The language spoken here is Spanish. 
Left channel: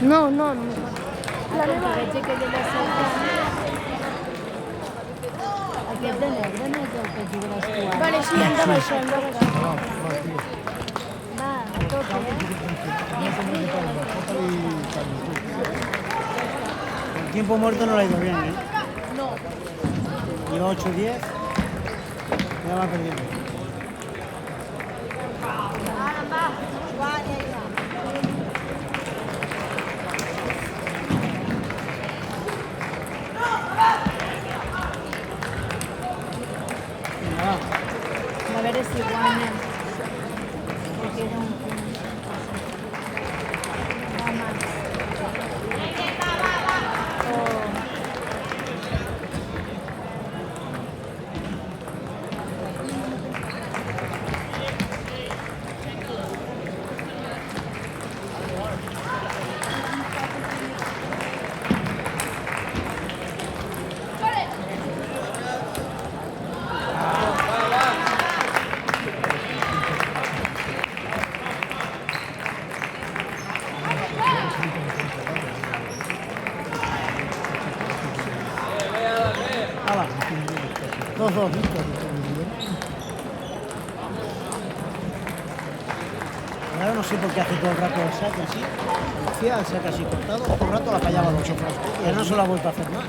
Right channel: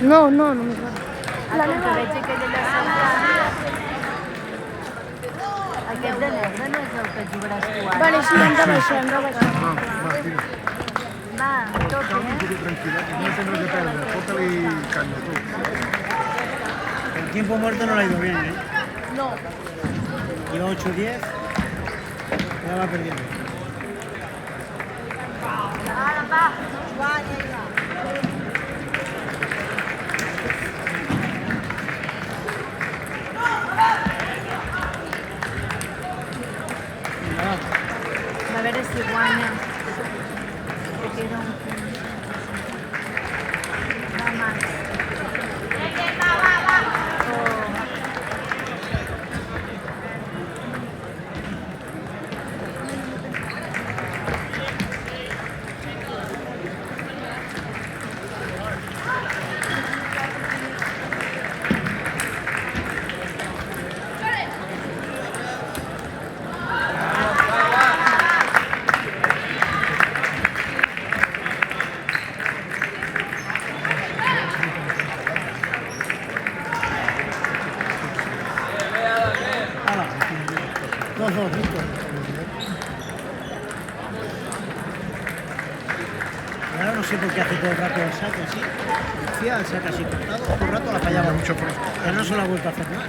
No, no, no. Vale, sí, entonces, sí. No, va, tira. Calma, un poco tranquila. No tendrás que perder. Póntale caña tú. El tiempo muerto no le ha ido bien, ¿eh? Lleva 8-10. Ya va perdiendo. Venga, va. A ver si guanya. Porque era un Hala. 2-2, listo. Ahora no sé por qué hace todo el rato el saque así. Como hacía el saque así cortado, todo el rato la fallaba. Mucho fresco. Pero no se lo ha vuelto a hacer más.